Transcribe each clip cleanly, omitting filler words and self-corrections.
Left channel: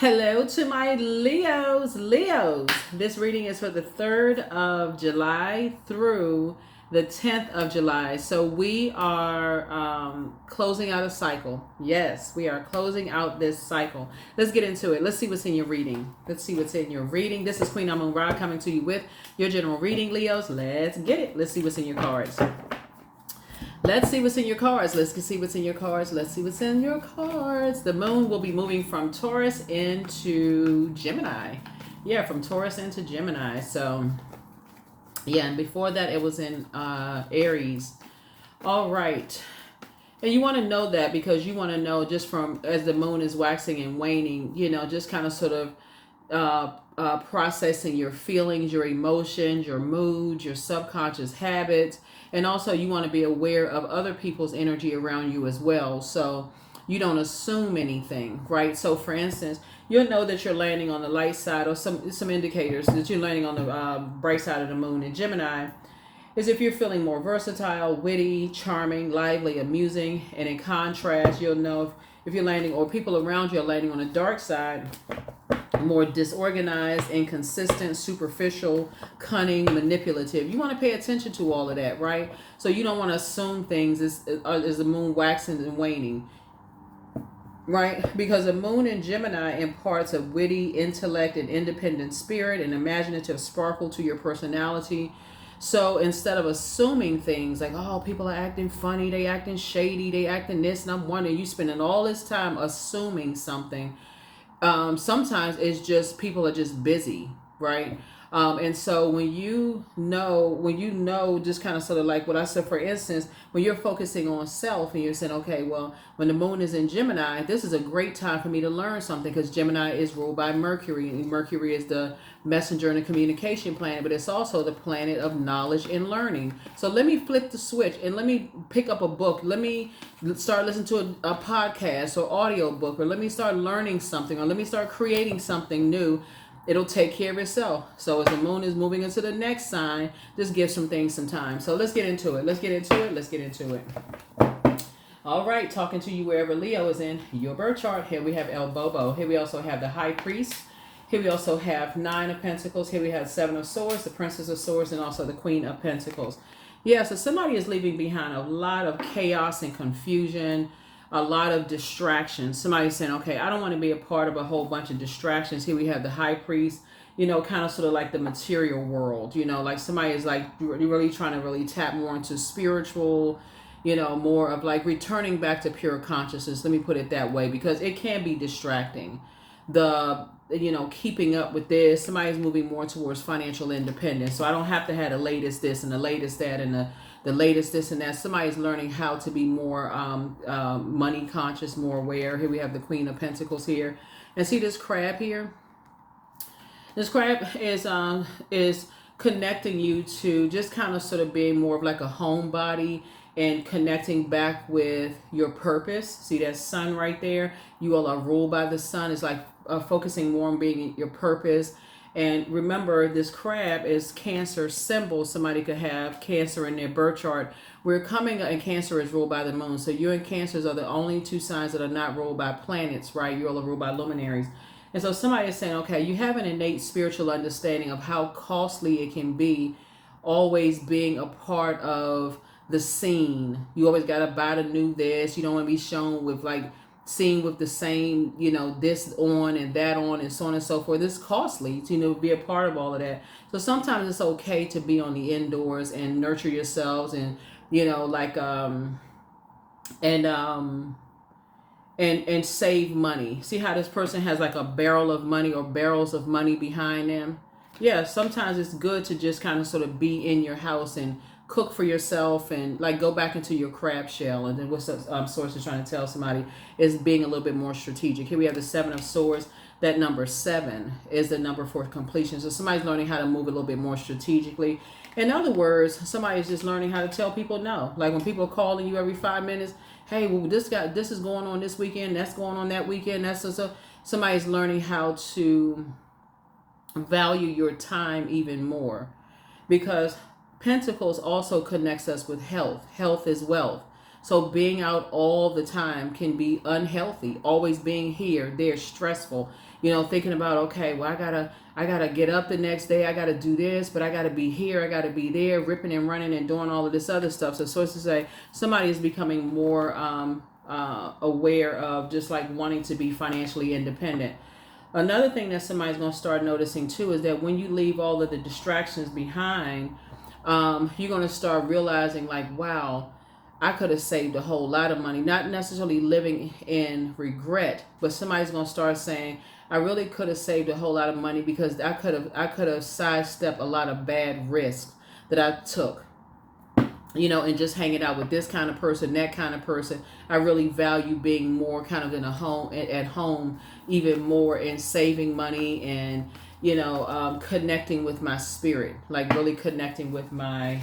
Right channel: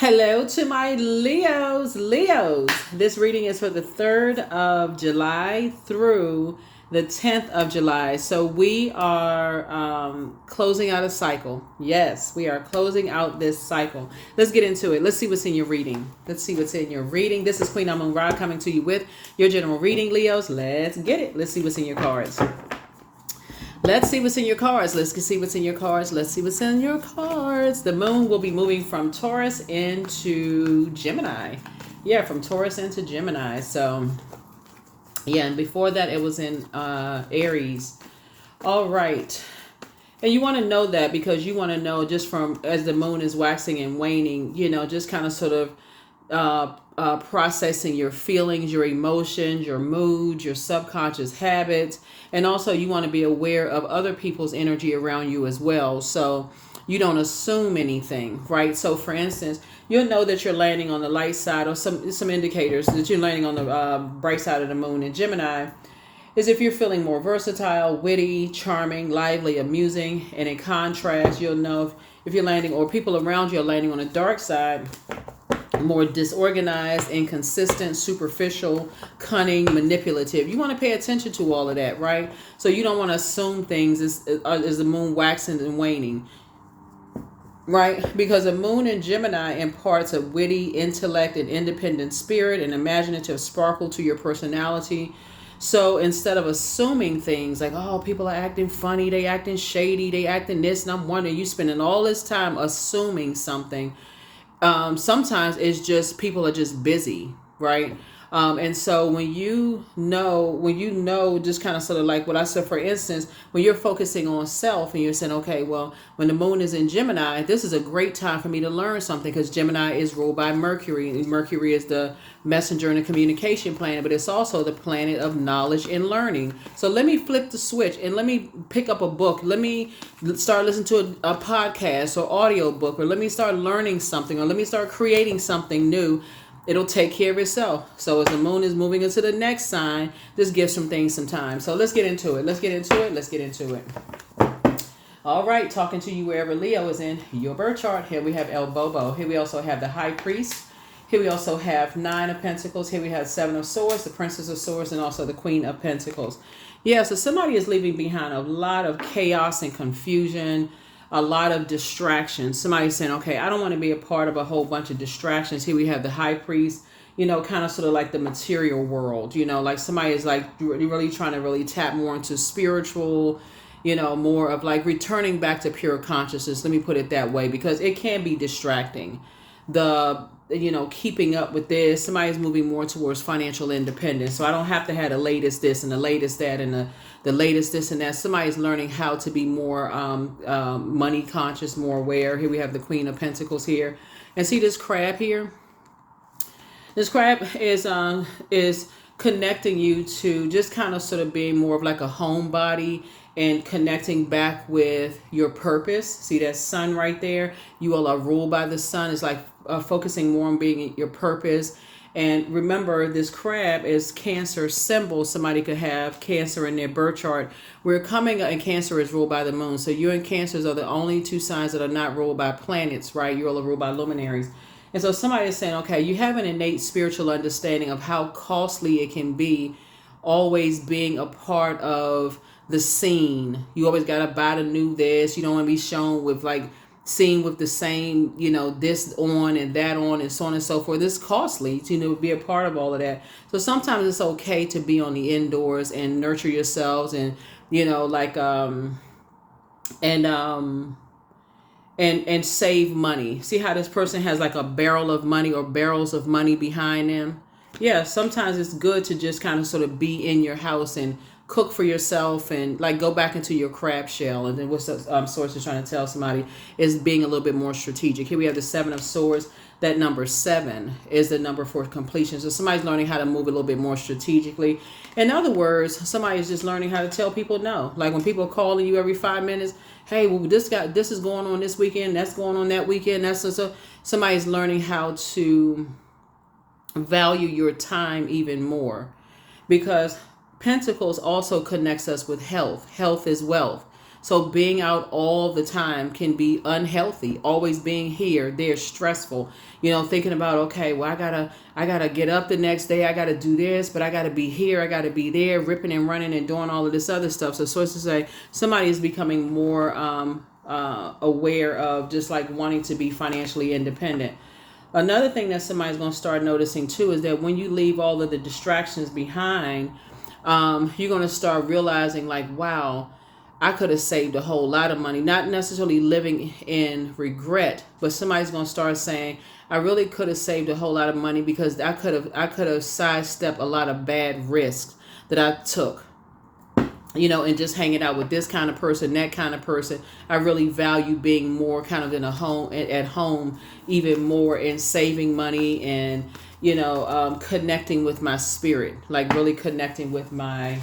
Hello to my Leos. Leos, this reading is for the 3rd of July through the 10th of July. So we are closing out a cycle. Yes, we are closing out this cycle. Let's get into it. Let's see what's in your reading. Let's see what's in your reading. This is Queen Amun Ra coming to you with your general reading, Leos. Let's get it. Let's see what's in your cards. Let's see what's in your cards. Let's see what's in your cards. Let's see what's in your cards. The moon will be moving from Taurus into Gemini. Yeah, from Taurus into Gemini. So, yeah, and before that, it was in Aries. All right. And you want to know that because you want to know just from as the moon is waxing and waning, just kind of sort of processing your feelings, your emotions, your mood, your subconscious habits. And also you want to be aware of other people's energy around you as well. So you don't assume anything, right? So for instance, you'll know that you're landing on the light side or some indicators that you're landing on the bright side of the moon in Gemini is if you're feeling more versatile, witty, charming, lively, amusing. And in contrast, you'll know if you're landing or people around you are landing on the dark side, more disorganized, inconsistent, superficial, cunning, manipulative. You want to pay attention to all of that, right? So you don't want to assume things as the moon waxing and waning, right? Because a moon in Gemini imparts a witty intellect and independent spirit and imaginative sparkle to your personality. So instead of assuming things like, oh, people are acting funny, they acting shady, they acting this, and I'm wondering, you spending all this time assuming something. Sometimes it's just people are just busy, right? And so when you know, just kind of sort of like what I said, for instance, when you're focusing on self and you're saying, okay, well, when the moon is in Gemini, this is a great time for me to learn something because Gemini is ruled by Mercury. And Mercury is the messenger and the communication planet, but it's also the planet of knowledge and learning. So let me flip the switch and let me pick up a book. Let me start listening to a podcast or audio book, or let me start learning something, or let me start creating something new. It'll take care of itself. So as the moon is moving into the next sign, this gives some things some time. So let's get into it. Let's get into it. All right, talking to you wherever Leo is in your birth chart. Here we have El Bobo. Here we also have the High Priest. Here we also have 9 of Pentacles. Here we have 7 of Swords, the Princess of Swords, and also the Queen of Pentacles. Yeah, so somebody is leaving behind a lot of chaos and confusion, a lot of distractions. Somebody's saying, okay, I don't want to be a part of a whole bunch of distractions. Here we have the High Priest, kind of sort of like the material world, like somebody is like really trying to really tap more into spiritual, more of like returning back to pure consciousness. Let me put it that way, because it can be distracting. Keeping up with this, somebody's moving more towards financial independence. So I don't have to have the latest this and the latest that and the latest this and that. Somebody's learning how to be more money conscious, more aware. Here we have the Queen of Pentacles here. And see this crab here? This crab is connecting you to just kind of sort of being more of like a homebody and connecting back with your purpose. See that sun right there? You all are ruled by the sun. It's like focusing more on being your purpose. And remember, this crab is Cancer symbol. Somebody could have Cancer in their birth chart. We're coming, and Cancer is ruled by the moon. So you and Cancers are the only 2 signs that are not ruled by planets, right? You all are ruled by luminaries. And so somebody is saying, okay, you have an innate spiritual understanding of how costly it can be always being a part of the scene. You always got to buy the new this. You don't want to be shown with like seen with the same, this on and that on and so on and so forth. It's costly to, be a part of all of that. So sometimes it's okay to be on the indoors and nurture yourselves and, and save money. See how this person has like a barrel of money or barrels of money behind them? Yeah, sometimes it's good to just kind of sort of be in your house and cook for yourself and like go back into your crab shell. And then what Source is trying to tell somebody is being a little bit more strategic. Here we have the 7 of Swords. That number 7 is the number for completion. So somebody's learning how to move a little bit more strategically. In other words, somebody's just learning how to tell people no. Like when people are calling you every 5 minutes, hey, well, this is going on this weekend, that's going on that weekend. That's just somebody's learning how to value your time even more, because Pentacles also connects us with health. Health is wealth. So being out all the time can be unhealthy. Always being here, there, stressful. Thinking about, okay, well, I gotta get up the next day. I gotta do this, but I gotta be here. I gotta be there, ripping and running and doing all of this other stuff. So sources say somebody is becoming more aware of just like wanting to be financially independent. Another thing that somebody's going to start noticing too is that when you leave all of the distractions behind, you're going to start realizing like, wow, I could have saved a whole lot of money. Not necessarily living in regret, but somebody's going to start saying, I really could have saved a whole lot of money because I could have sidestepped a lot of bad risks that I took. And just hanging out with this kind of person, that kind of person. I really value being more kind of in a home, at home, even more, and saving money and, connecting with my spirit, like really connecting with my,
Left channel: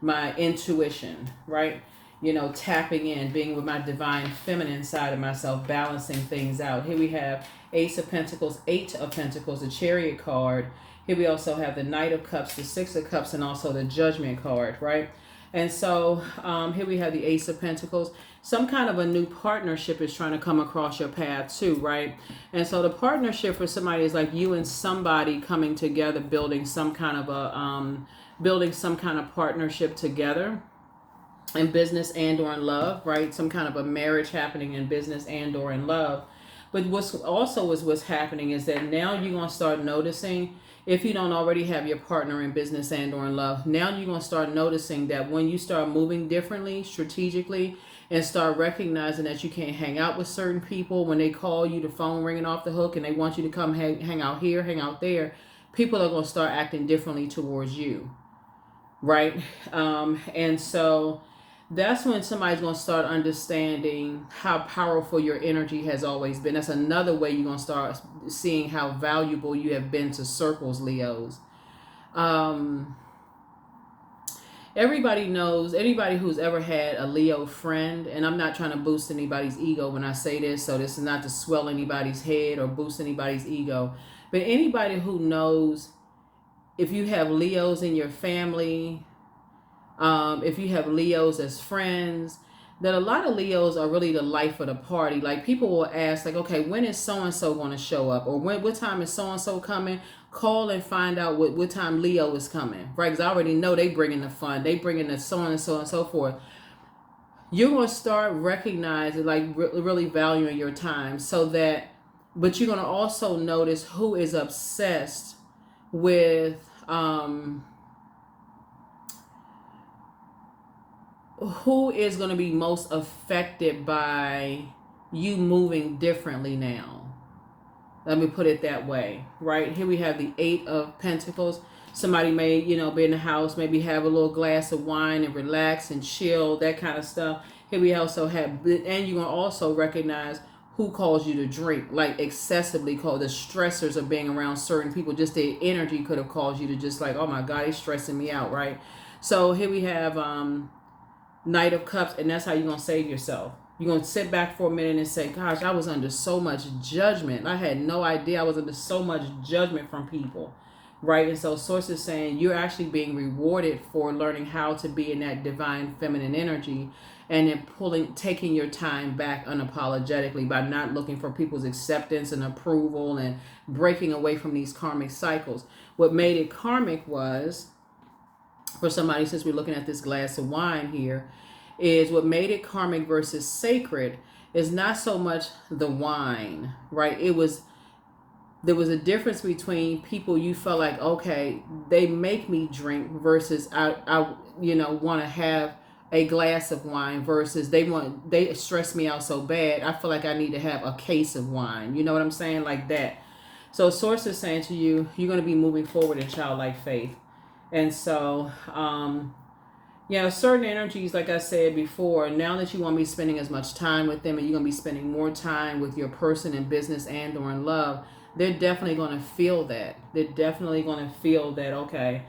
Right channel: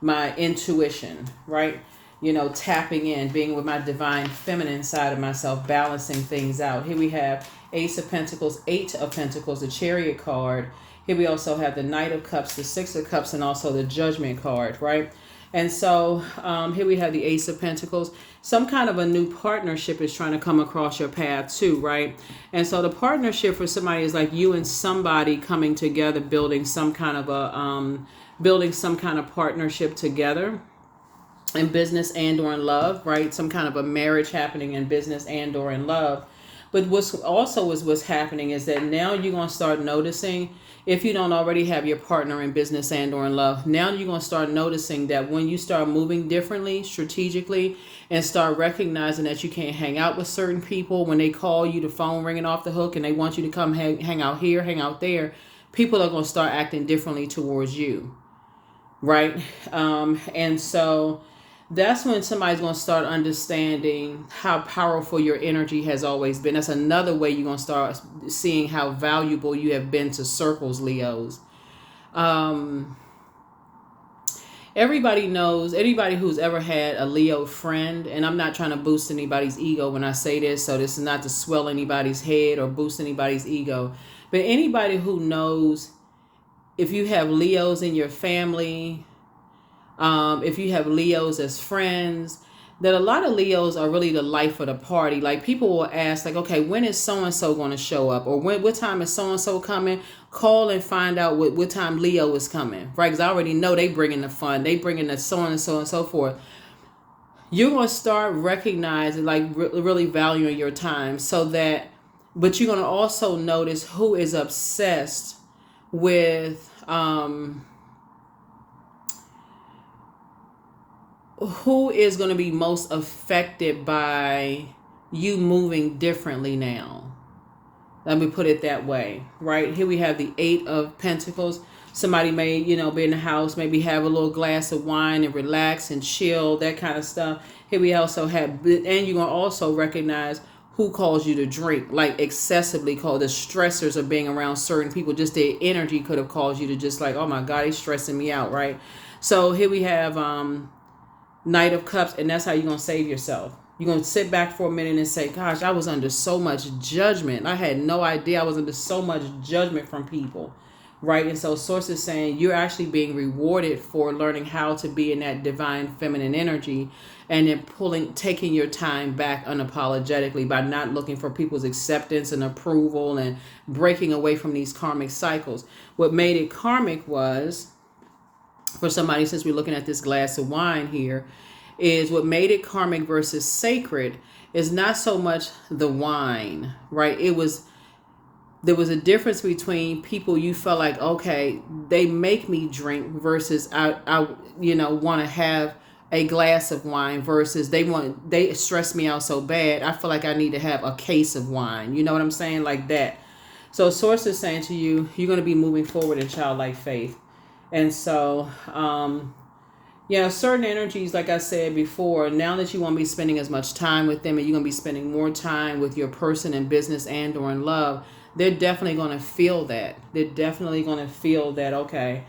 my intuition, right? Tapping in, being with my divine feminine side of myself, balancing things out. Here we have Ace of Pentacles, Eight of Pentacles, the Chariot card. Here we also have the Knight of Cups, the Six of Cups, and also the Judgment card, right? And so here we have the Ace of Pentacles. Some kind of a new partnership is trying to come across your path too, right? And so the partnership for somebody is like you and somebody coming together, building some kind of partnership together in business and or in love, right? Some kind of a marriage happening in business and or in love. But what's happening is that now you're going to start noticing, if you don't already have your partner in business and or in love, now you're going to start noticing that when you start moving differently, strategically, and start recognizing that you can't hang out with certain people, when they call you, the phone ringing off the hook, and they want you to come hang out here, hang out there, people are going to start acting differently towards you, right? And so that's when somebody's going to start understanding how powerful your energy has always been. That's another way you're going to start seeing how valuable you have been to circles, Leos. Everybody knows, anybody who's ever had a Leo friend, and I'm not trying to boost anybody's ego when I say this, so this is not to swell anybody's head or boost anybody's ego, but anybody who knows, if you have Leos in your family, if you have Leos as friends, that a lot of Leos are really the life of the party. Like people will ask, like, okay, when is so-and-so going to show up? Or what time is so-and-so coming? Call and find out what time Leo is coming, right? Because I already know they bringing the fun. They bringing the so-and-so and so forth. You're going to start recognizing, like really valuing your time but you're going to also notice who is obsessed with, who is going to be most affected by you moving differently now. Let me put it that way, right? Here we have the Eight of Pentacles. Somebody may, be in the house, maybe have a little glass of wine and relax and chill, that kind of stuff. Here we also have, and you're going to also recognize who calls you to drink, like excessively called. The stressors of being around certain people, just their energy could have caused you to just like, oh my God, he's stressing me out, right? So here we have, Knight of Cups, and that's how you're going to save yourself. You're going to sit back for a minute and say, gosh, I was under so much judgment. I had no idea I was under so much judgment from people, right? And so source is saying you're actually being rewarded for learning how to be in that divine feminine energy, and then taking your time back unapologetically by not looking for people's acceptance and approval and breaking away from these karmic cycles. What made it karmic was, for somebody, since we're looking at this glass of wine here, is what made it karmic versus sacred is not so much the wine, right? There was a difference between people you felt like, okay, they make me drink versus I want to have a glass of wine versus they stress me out so bad. I feel like I need to have a case of wine. You know what I'm saying? Like that. So source is saying to you, you're going to be moving forward in childlike faith. And so, certain energies, like I said before, now that you won't be spending as much time with them and you're going to be spending more time with your person in business and or in love, they're definitely going to feel that. They're definitely going to feel that, okay.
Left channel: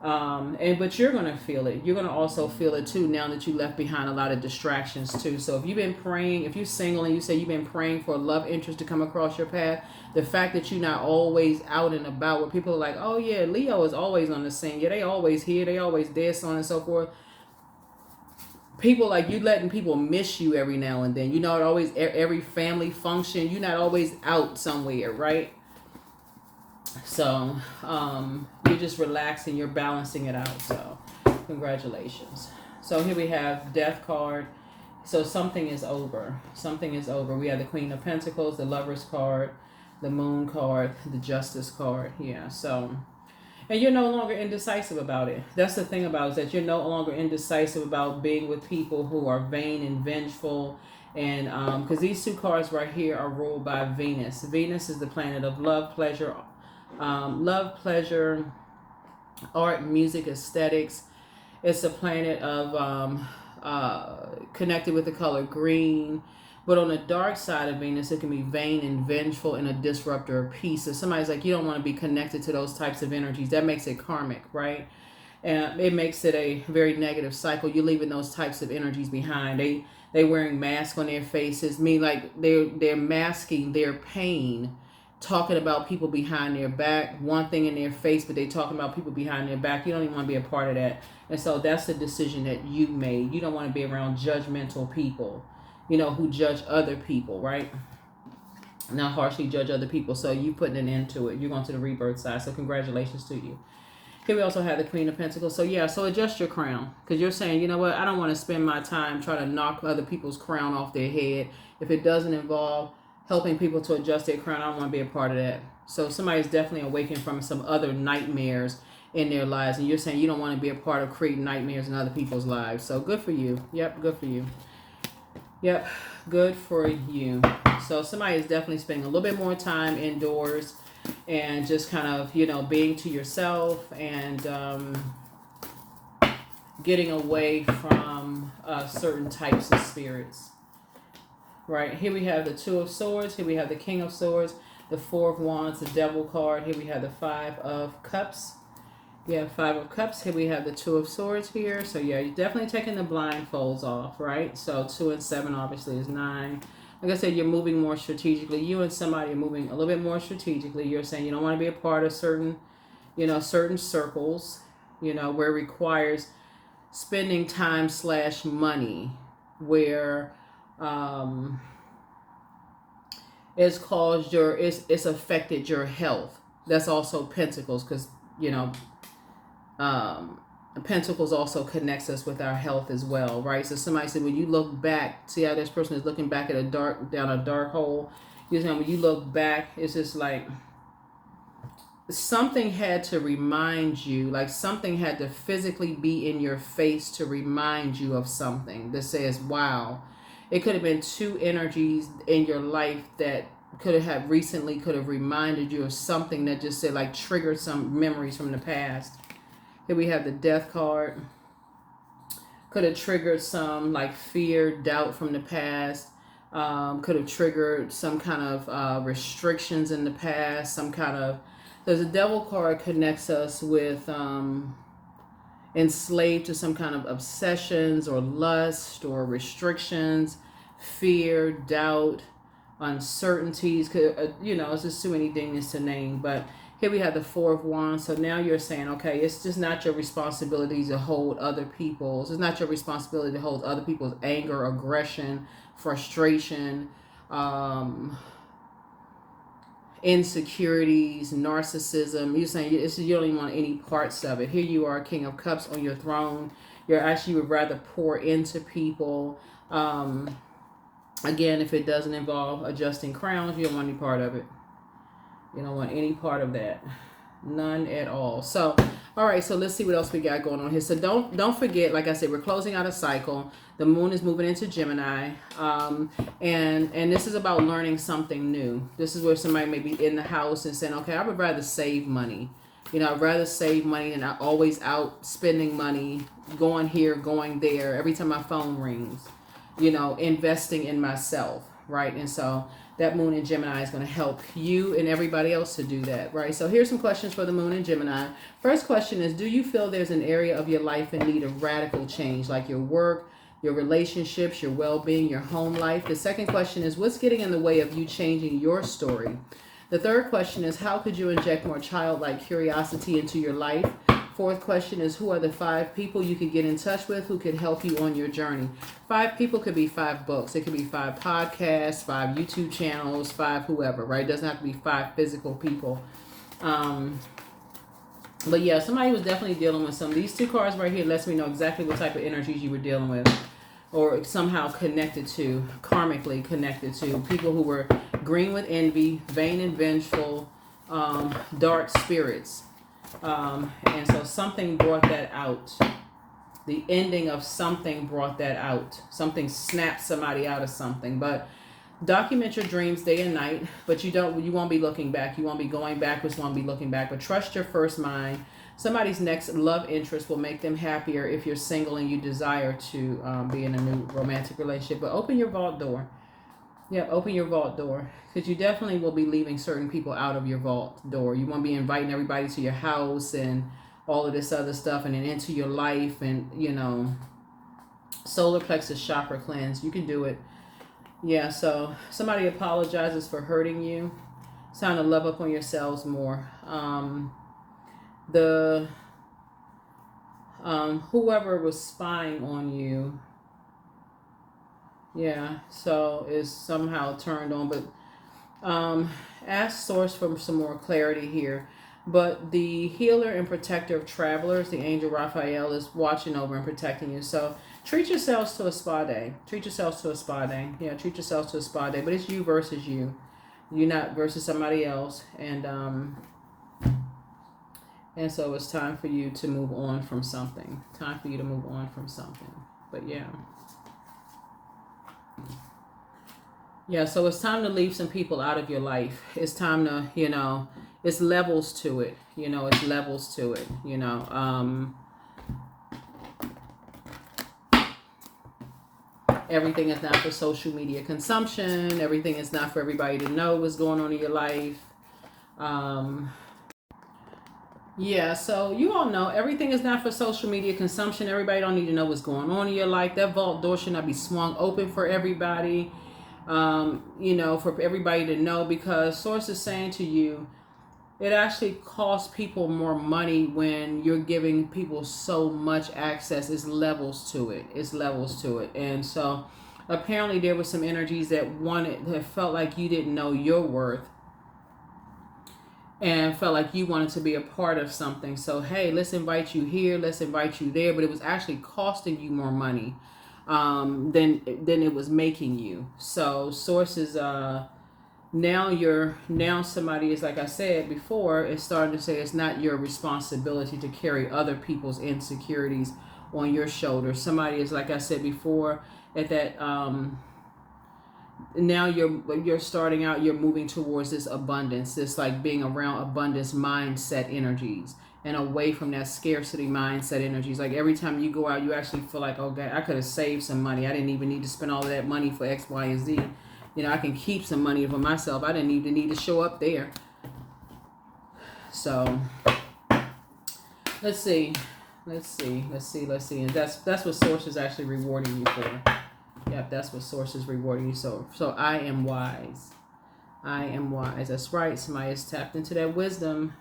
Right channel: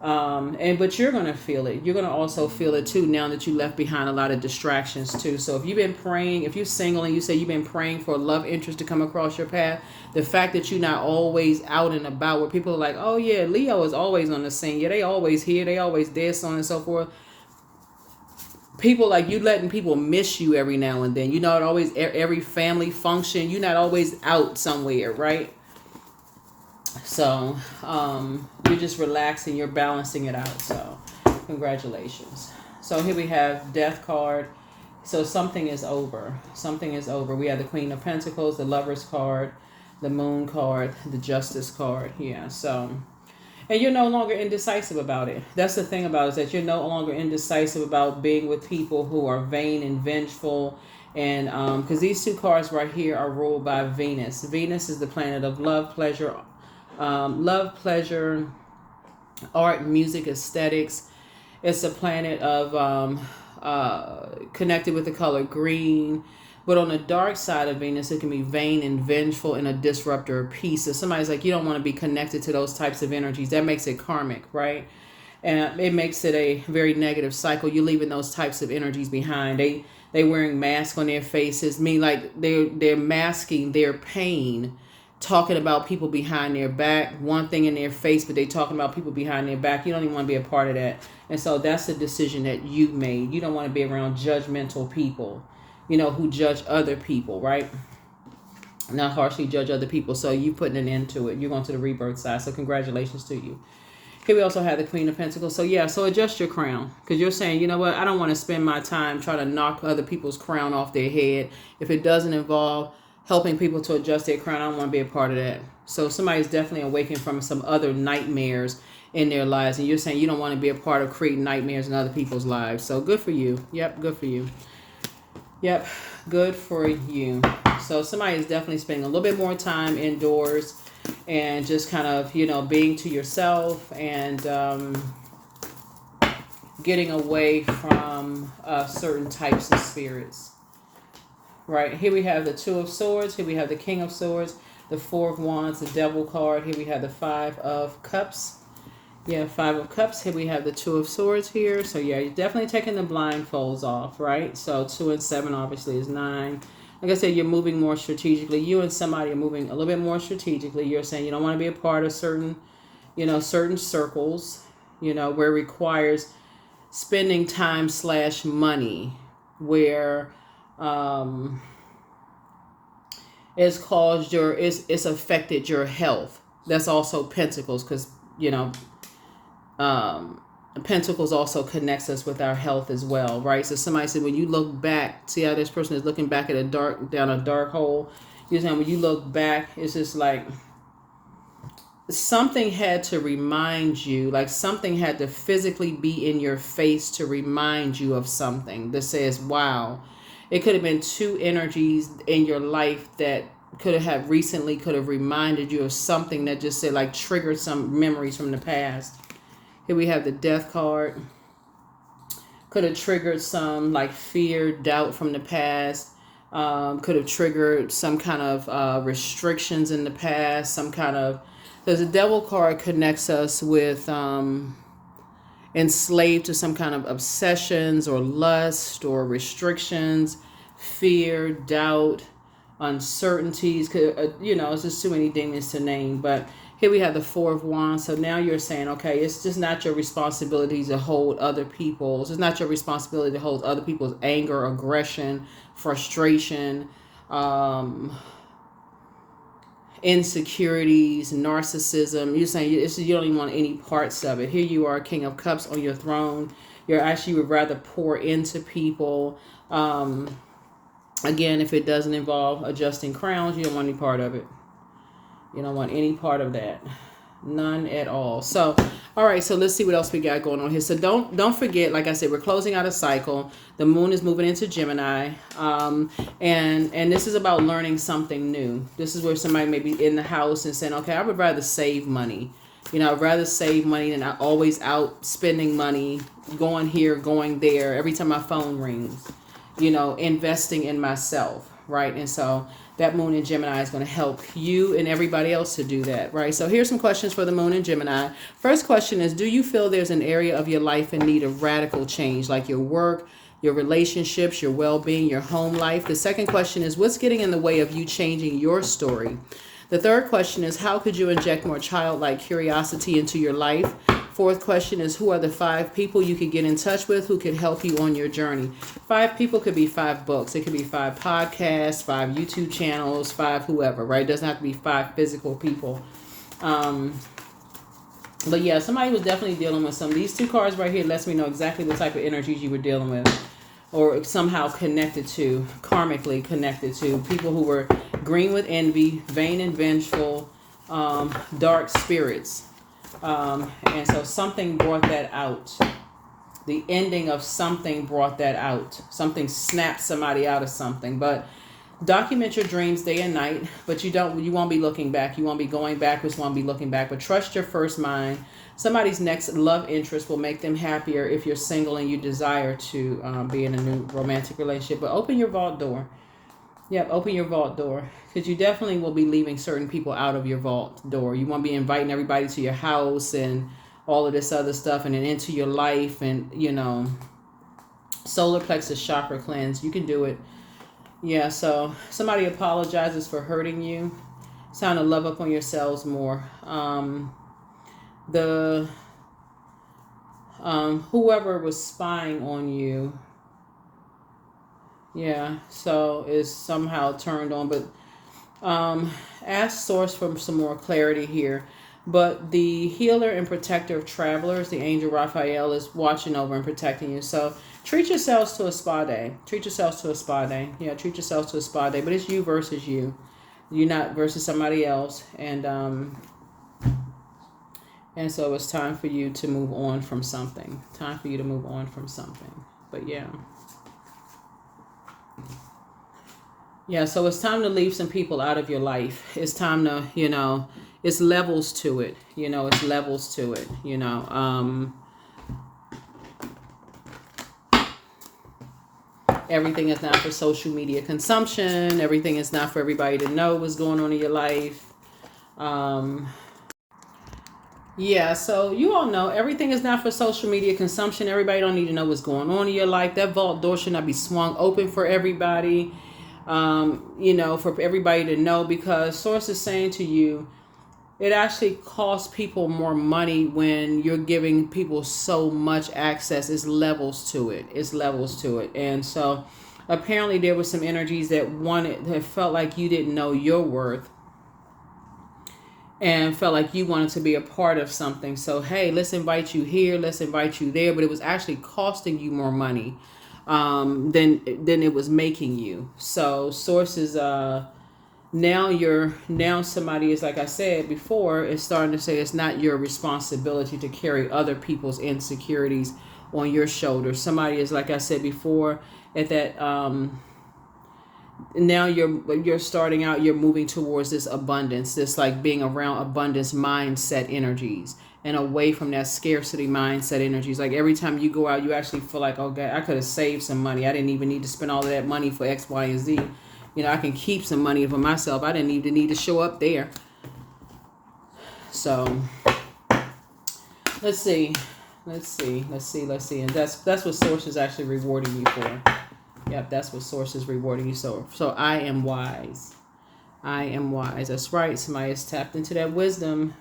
But you're going to feel it. You're going to also feel it too now that you left behind a lot of distractions too. So if you've been praying, if you're single and you say you've been praying for a love interest to come across your path, the fact that you're not always out and about where people are like, oh yeah, Leo is always on the scene. Yeah, they always here. They always there, so on and so forth. people like you letting people miss you every now and then. You're not always every family function. You're not always out somewhere, right? So you're just relaxing. You're balancing it out. So congratulations. So here we have Death card. So something is over. Something is over. We have the Queen of Pentacles, the Lovers card, the Moon card, the Justice card. Yeah. So. And you're no longer indecisive about it. That's the thing about it, is that you're no longer indecisive about being with people who are vain and vengeful. And because these two cards right here are ruled by Venus. Venus is the planet of love, pleasure, art, music, aesthetics. It's a planet of connected with the color green. But on the dark side of Venus, it can be vain and vengeful and a disruptor of peace. So somebody's like, you don't want to be connected to those types of energies. That makes it karmic, right? And it makes it a very negative cycle. You're leaving those types of energies behind. They wearing masks on their faces. Like they're masking their pain, talking about people behind their back. One thing in their face, but they talking about people behind their back. You don't even want to be a part of that. And so that's the decision that you made. You don't want to be around judgmental people, who judge other people, right? Not harshly judge other people. So you putting an end to it. You're going to the rebirth side. So congratulations to you. Here we also have the Queen of Pentacles. So yeah, so adjust your crown. Because you're saying, you know what? I don't want to spend my time trying to knock other people's crown off their head. If it doesn't involve helping people to adjust their crown, I don't want to be a part of that. So somebody's definitely awakened from some other nightmares in their lives. And you're saying you don't want to be a part of creating nightmares in other people's lives. So good for you. Yep, good for you. Yep, good for you. So somebody is definitely spending a little bit more time indoors and just kind of, being to yourself and getting away from certain types of spirits. Right, here we have the Two of Swords. Here we have the King of Swords, the Four of Wands, the Devil card. Here we have the Five of Cups. Yeah, Five of Cups. Here we have the Two of Swords here. So yeah, you're definitely taking the blindfolds off, right? So 2 and 7 obviously is 9. Like I said, you're moving more strategically. You and somebody are moving a little bit more strategically. You're saying you don't want to be a part of certain circles, where it requires spending time / money, where it's affected your health. That's also Pentacles, because Pentacles also connects us with our health as well, right? So somebody said, when you look back, see how this person is looking back at down a dark hole. You're saying when you look back, it's just like something had to remind you, like something had to physically be in your face to remind you of something that says, wow. It could have been two energies in your life that could have reminded you of something that just said, like, triggered some memories from the past. Here we have the Death card. Could have triggered some like fear, doubt from the past. Could have triggered some kind of restrictions in the past. Because the Devil card connects us with enslaved to some kind of obsessions or lust or restrictions, fear, doubt, uncertainties. It's just too many things to name. But here we have the Four of Wands. So now you're saying, okay, it's just not your responsibility to hold other people's. It's not your responsibility to hold other people's anger, aggression, frustration, insecurities, narcissism. You're saying you don't even want any parts of it. Here you are, King of Cups on your throne. You would rather pour into people. Again, if it doesn't involve adjusting crowns, you don't want any part of it. You don't want any part of that. None at all. So, all right, so let's see what else we got going on here. So don't forget, like I said, we're closing out a cycle. The moon is moving into Gemini. And this is about learning something new. This is where somebody may be in the house and saying, okay, I would rather save money. I'd rather save money than always out spending money, going here, going there, every time my phone rings, investing in myself, right? And so that moon in Gemini is going to help you and everybody else to do that, right? So here's some questions for the moon in Gemini. First question is, do you feel there's an area of your life in need of radical change, like your work, your relationships, your well-being, your home life? The second question is, what's getting in the way of you changing your story? The third question is, how could you inject more childlike curiosity into your life? Fourth question is, who are the 5 people you could get in touch with who could help you on your journey? 5 people could be 5 books. It could be 5 podcasts, 5 YouTube channels, 5 whoever, right? It doesn't have to be 5 physical people. But yeah, somebody was definitely dealing with some. These 2 cards right here lets me know exactly what type of energies you were dealing with, or somehow connected to, karmically connected to. People who were green with envy, vain and vengeful, dark spirits. And so something brought that out. The ending of something brought that out. Something snapped somebody out of something. But document your dreams day and night, but you won't be looking back. You won't be going backwards, won't be looking back, but trust your first mind. Somebody's next love interest will make them happier if you're single and you desire to be in a new romantic relationship. But open your vault door. Yep, open your vault door, because you definitely will be leaving certain people out of your vault door. You won't be inviting everybody to your house and all of this other stuff and then into your life and, solar plexus chakra cleanse. You can do it. Yeah, so somebody apologizes for hurting you. It's time to love up on yourselves more. Whoever was spying on you, yeah, so is somehow turned on. But ask source for some more clarity here. But the healer and protector of travelers, the angel Raphael, is watching over and protecting you. So treat yourselves to a spa day. Treat yourselves to a spa day. Yeah, treat yourselves to a spa day. But it's you versus you. You not versus somebody else. And so it's time for you to move on from something. Time for you to move on from something. But yeah. Yeah, so it's time to leave some people out of your life. It's time to, it's levels to it. It's levels to it, Everything is not for social media consumption. Everything is not for everybody to know what's going on in your life. Yeah, so you all know everything is not for social media consumption. Everybody don't need to know what's going on in your life. That vault door should not be swung open for everybody. For everybody to know, because source is saying to you, it actually costs people more money when you're giving people so much access. It's levels to it. And so apparently there were some energies that felt like you didn't know your worth and felt like you wanted to be a part of something. So, hey, let's invite you here, let's invite you there. But it was actually costing you more money than it was making you. So sources, now somebody is, like I said before, is starting to say it's not your responsibility to carry other people's insecurities on your shoulders. Somebody is, like I said before, at that now you're starting out, you're moving towards this abundance, this like being around abundance mindset energies and away from that scarcity mindset energies. Like every time you go out, you actually feel like, oh God, I could have saved some money. I didn't even need to spend all of that money for X, Y, and Z. I can keep some money for myself. I didn't even need to show up there. So let's see. And that's what source is actually rewarding you for. Yep, that's what source is rewarding you. So I am wise. That's right. Somebody has tapped into that wisdom.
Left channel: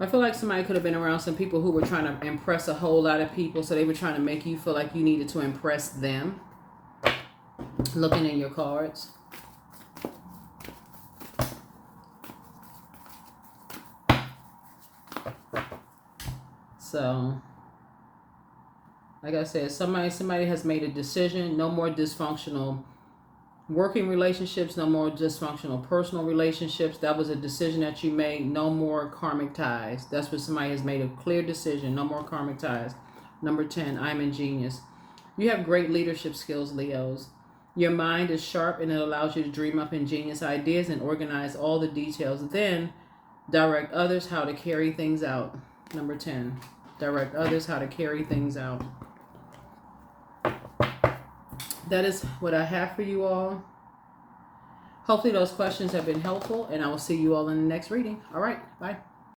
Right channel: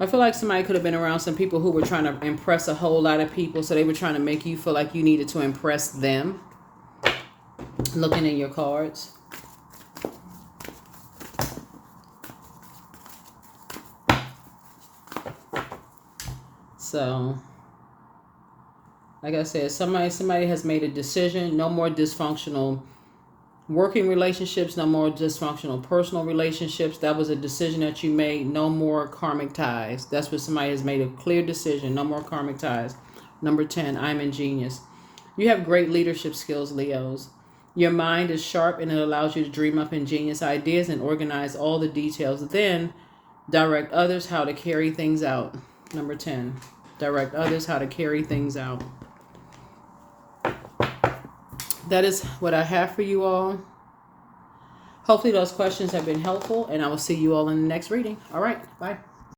I feel like somebody could have been around some people who were trying to impress a whole lot of people. So they were trying to make you feel like you needed to impress them. Looking in your cards. So, like I said, somebody has made a decision. No more dysfunctional working relationships, no more dysfunctional personal relationships. That was a decision that you made. No more karmic ties. That's what somebody has made a clear decision. No more karmic ties. Number 10, I'm ingenious. You have great leadership skills, Leos. Your mind is sharp and it allows you to dream up ingenious ideas and organize all the details. Then direct others how to carry things out. Number 10, direct others how to carry things out. That is what I have for you all. Hopefully those questions have been helpful, and I will see you all in the next reading. All right. Bye.